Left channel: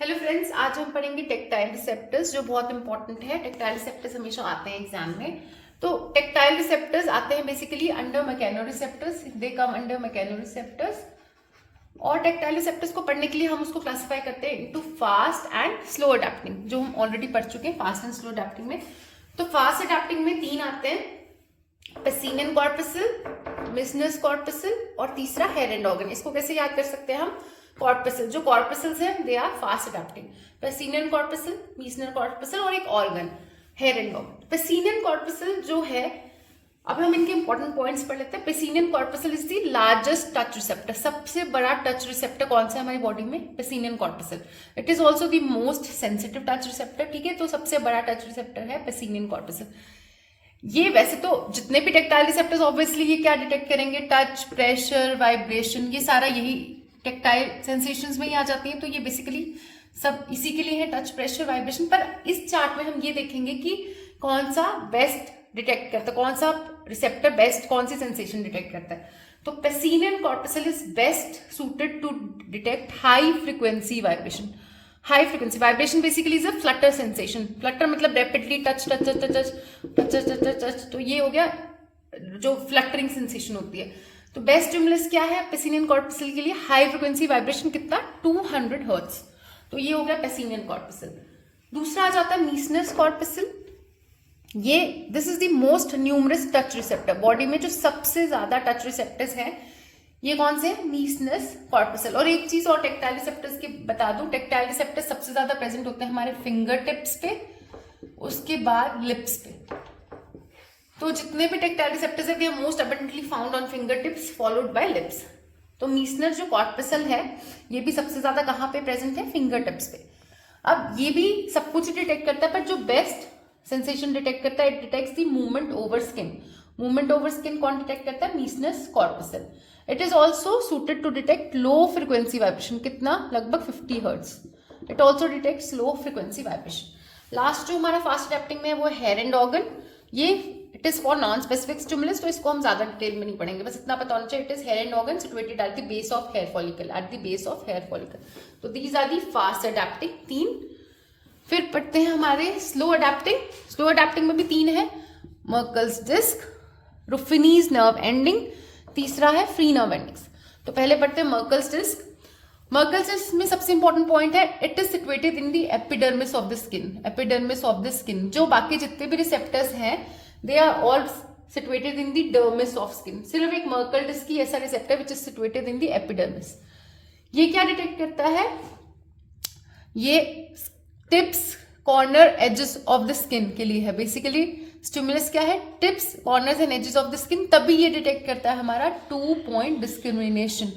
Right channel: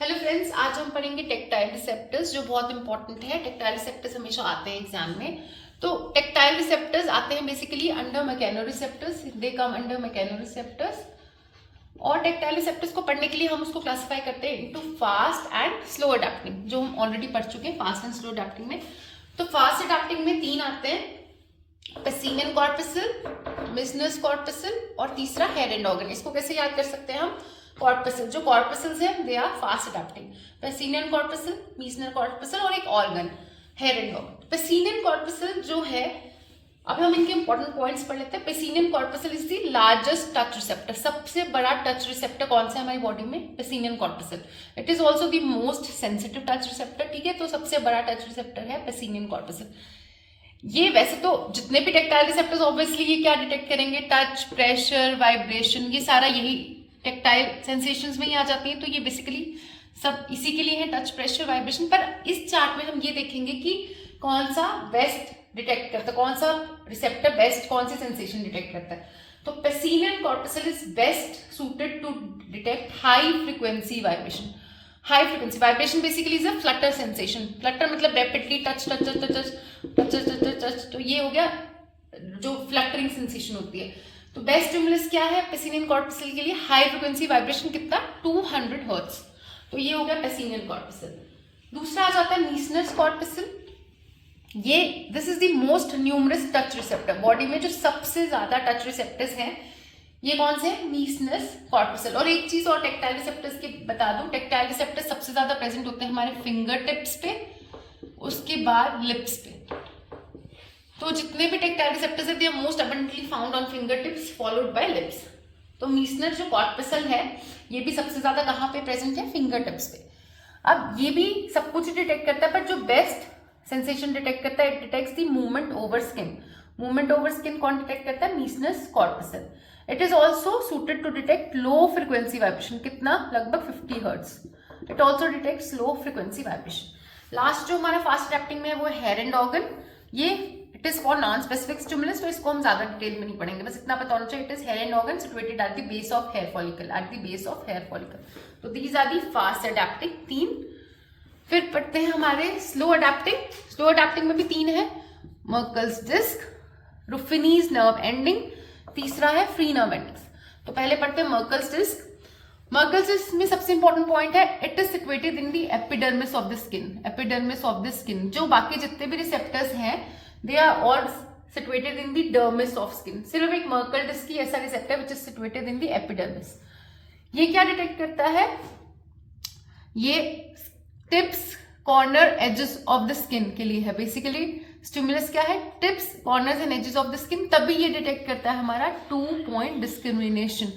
Hello friends, आज हम पढ़ेंगे टेक्टाइल रिसेप्टर्स जो बहुत इंपॉर्टेंट है। टेक्टाइल रिसेप्टर्स हमेशा आते हैं एग्जाम में। तो टेक्टाइल रिसेप्टर्स आते हैं बेसिकली अंडर मैकेनो रिसेप्टर्स, दे कम अंडर मैकेनो रिसेप्टर्स। और टेक्टाइल रिसेप्टर्स को पढ़ने के लिए हम उसको क्लासिफाई करते हैं into fast and slow adapting, जो हम ऑलरेडी पढ़ चुके हैं फास्ट एंड स्लो अडेप्टिंग में। तो फास्ट अडेप्टिंग में तीन आते हैं, पेसिनियन कॉर्पसल, मिसनस कॉर्पसल और तीसरा हेयर एंड ऑर्गन। इसको कैसे याद कर सकते हैं हम? कॉर्पसल, जो कॉर्पसल्स है they are fast adapting, Pacinian corpuscle, Meissner corpuscle और एक organ hair end organ. Pacinian corpuscle जो है, अब हम इनके इंपॉर्टेंट पॉइंट्स पढ़ लेते हैं। Pacinian corpuscle is the largest touch receptor, सबसे बड़ा टच रिसेप्टर कौन सा है हमारी बॉडी में? Pacinian corpuscle. It is also the most sensitive touch receptor, ठीक है। तो सबसे बड़ा टच रिसेप्टर है पेसिनियन कॉर्पसल। ये वैसे तो जितने भी टेक्टाइल रिसेप्टर्स ऑब्वियसली ये क्या डिटेक्ट करेंगे? टच, प्रेशर, वाइब्रेशन, ये सारा यही टेक्टाइल सेंसेशंस में ही आ जाती है। तो ये बेसिकली सब इसी के लिए है, टच, प्रेशर, वाइब्रेशन। पर इस चार्ट में हम ये देखेंगे कि कौन सा बेस्ट डिटेक्ट करता है, कौन सा रिसेप्टर बेस्ट कौन सी सेंसेशन डिटेक्ट करता है। तो Pacinian corpuscle is best suited to detect high frequency vibration. High frequency vibration basically is a flutter sensation. Flutter मतलब rapidly touch touch touch touch touch touch touch touch, तो ये हो गया जो फ्लटरिंग सेंसेशन होती है। तो बेस्ट स्टिमुलस क्या है पेसिनियन कॉर्पसल के लिए? हाई फ्रीक्वेंसी वाइब्रेशन, कितना? 200 हर्ट्ज। तो ये हो गया पेसिनियन कॉर्पसल। दूसरा आ जाता है मीसनस कॉर्पसल। ये this is the most numerous touch receptor, body में जो सबसे ज्यादा टच रिसेप्टर्स हैं ये कौन से? मीसनस कॉर्पसल। और एक चीज और टेक्टाइल रिसेप्टर्स की बता दूं, टेक्टाइल रिसेप्टर्स सबसे ज्यादा प्रेजेंट होते हैं हमारे फिंगर टिप्स पे, उसके बाद लिप्स पे। तो जितने भी टेक्टाइल रिसेप्टर्स है they are most abundantly found on finger tips followed by lips. तो मीसनर जो कॉर्पसल है ये भी सबसे ज्यादा कहाँ पे प्रेजेंट है? फिंगर टिप्स पे। अब ये भी सब कुछ डिटेक्ट करता है, पर जो बेस्ट सेंसेशन डिटेक्ट करता है, it detects the movement over skin. Movement over skin कौन डिटेक्ट करता है? Meissner's corpuscle. It is also suited to detect low frequency vibration, कितना? लगभग 50 hertz. It also detects low frequency vibration. Last जो हमारा fast adapting में है वो हेयर एंड ऑर्गन। ये it is for non specific stimulus, तो इसको हम ज्यादा डिटेल में नहीं पढ़ेंगे, बस इतना पता होना चाहिए। It is hair end organ situated at the base of hair follicle, at the base of hair follicle. तो these are the fast adapting तीन। फिर पढ़ते हैं हमारे स्लो अडेप्टिंग। स्लो अडेप्टिंग में भी तीन है, मर्कल्स डिस्क, रुफिनीज नर्व एंडिंग, तीसरा है फ्री नर्व एंडिंग्स। तो पहले पढ़ते हैं मर्कल्स डिस्क। मर्कल्स डिस्क में सबसे इंपॉर्टेंट पॉइंट है, it is situated in the epidermis of the skin. Epidermis of the skin, जो बाकी जितने भी रिसेप्टर्स हैं they are all situated in the dermis of skin. सिर्फ एक मर्कल डिस्क की ऐसा receptor which is situated in the epidermis. ये क्या डिटेक्ट करता है? ये tips, corner, edges of the skin के लिए है। बेसिकली स्टिमुलस क्या है? Tips, corners and edges of the skin. तभी ये डिटेक्ट करता है हमारा 2 पॉइंट डिस्क्रिमिनेशन।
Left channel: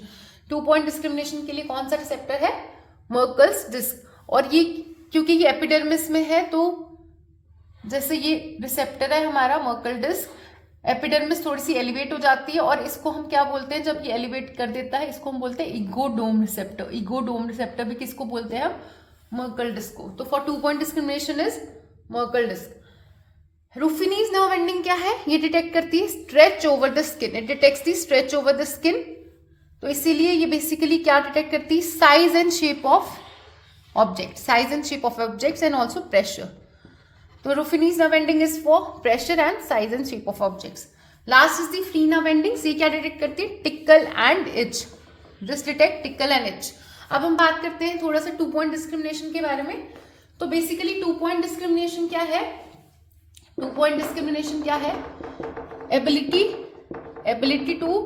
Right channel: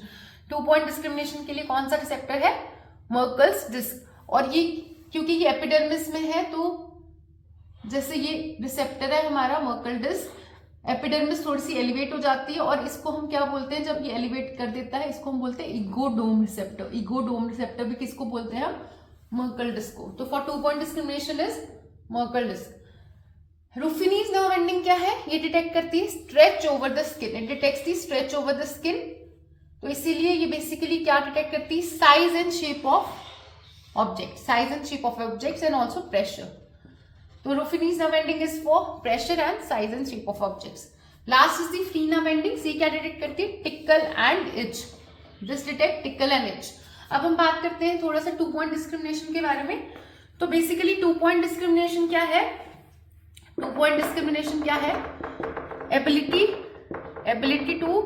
2 पॉइंट डिस्क्रिमिनेशन के लिए कौन सा रिसेप्टर है? मर्कल्स डिस्क। और ये क्योंकि ये एपिडर्मिस में है, तो जैसे ये रिसेप्टर है हमारा मर्कल डिस्क, एपिडर्मिस थोड़ी सी एलिवेट हो जाती है और इसको हम क्या बोलते हैं? जब ये एलिवेट कर देता है इसको हम बोलते हैं इगोडोम रिसेप्टर। इगोडोम रिसेप्टर भी किसको बोलते हैं हम? मर्कल डिस्क को। तो for 2 point discrimination is Merkel disc. Ruffini's nerve ending क्या है? ये डिटेक्ट करती है stretch over the skin. It detects the stretch over the skin. तो इसीलिए ये बेसिकली क्या डिटेक्ट करती है? Size and shape of object, size and shape of objects and also pressure. तो Ruffini's nerve ending is for pressure and size and shape of objects. Last is the free nerve ending. ये क्या detect करती है? Tackle and each. Just detect tackle and each. अब हम बात करते हैं थोड़ा सा 2 पॉइंट डिस्क्रिमिनेशन के बारे में। तो बेसिकली 2 पॉइंट डिस्क्रिमिनेशन क्या है? 2 पॉइंट डिस्क्रिमिनेशन क्या है? Ability to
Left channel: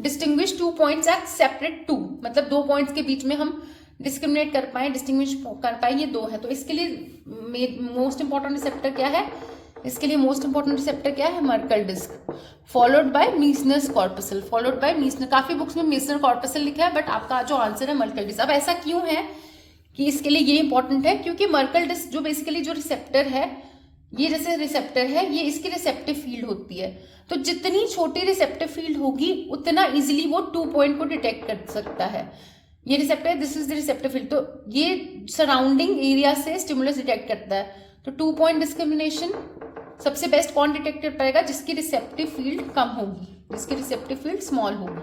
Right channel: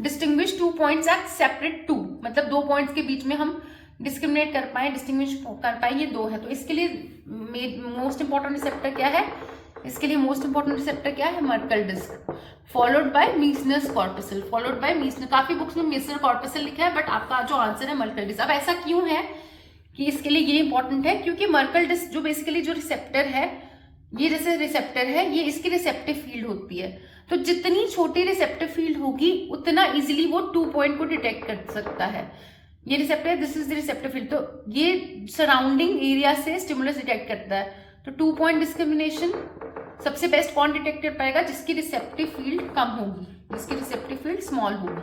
distinguish 2 points at separate 2, मतलब 2 पॉइंट्स के बीच में हम डिस्क्रिमिनेट कर पाए, डिस्टिंग्विश कर पाए, ये 2 है। तो इसके लिए मोस्ट इंपॉर्टेंट रिसेप्टर क्या है? इसके लिए मोस्ट इंपॉर्टेंट रिसेप्टर क्या है? Merkel disc, followed by Meissner's corpuscle, followed by Meissner. काफी बुक्स में मीसनर कॉर्पसल लिखा है, बट आपका जो आंसर है मर्कल डिस्क। अब ऐसा क्यों है कि इसके लिए ये इंपॉर्टेंट है? क्योंकि मर्कल डिस्क जो बेसिकली जो रिसेप्टर है, ये जैसे रिसेप्टर है, ये इसकी रिसेप्टिव फील्ड होती है। तो जितनी छोटी रिसेप्टिव फील्ड होगी उतना इजिली वो 2 पॉइंट को डिटेक्ट कर सकता है। ये रिसेप्टर है, this is the receptive field. तो ये सराउंडिंग एरिया से स्टिमुलस डिटेक्ट करता है। तो 2 पॉइंट डिस्क्रिमिनेशन सबसे बेस्ट कौन डिटेक्ट कर पाएगा? जिसकी रिसेप्टिव फील्ड कम होगी, जिसकी रिसेप्टिव फील्ड स्मॉल होगी।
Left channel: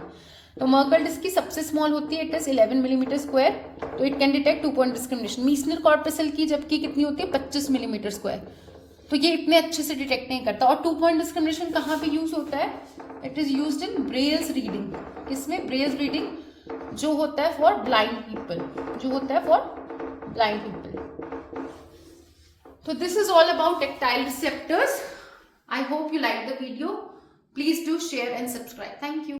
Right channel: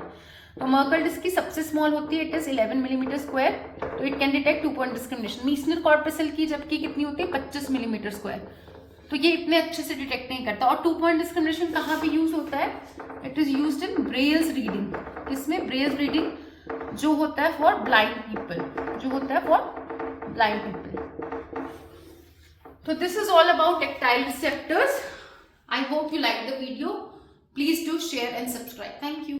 तो मर्कल डिस्क की सबसे स्मॉल होती है, इट इज 11 मिलीमीटर स्क्वायर, तो it can detect 2 point discrimination. Meissner corpuscle की जबकि कितनी होती है, 25 मिलीमीटर स्क्वायर, तो ये इतने अच्छे से डिटेक्ट नहीं करता। और 2 पॉइंट डिस्क्रिमिनेशन कहाँ पे यूज होता है, it is used in Braille's reading. इसमें ब्रेल्स रीडिंग जो होता है फॉर ब्लाइंड पीपल, जो होता है फॉर ब्लाइंड पीपल। तो this is all about tactile receptors. I hope you like the video. Please do share and subscribe. Thank you.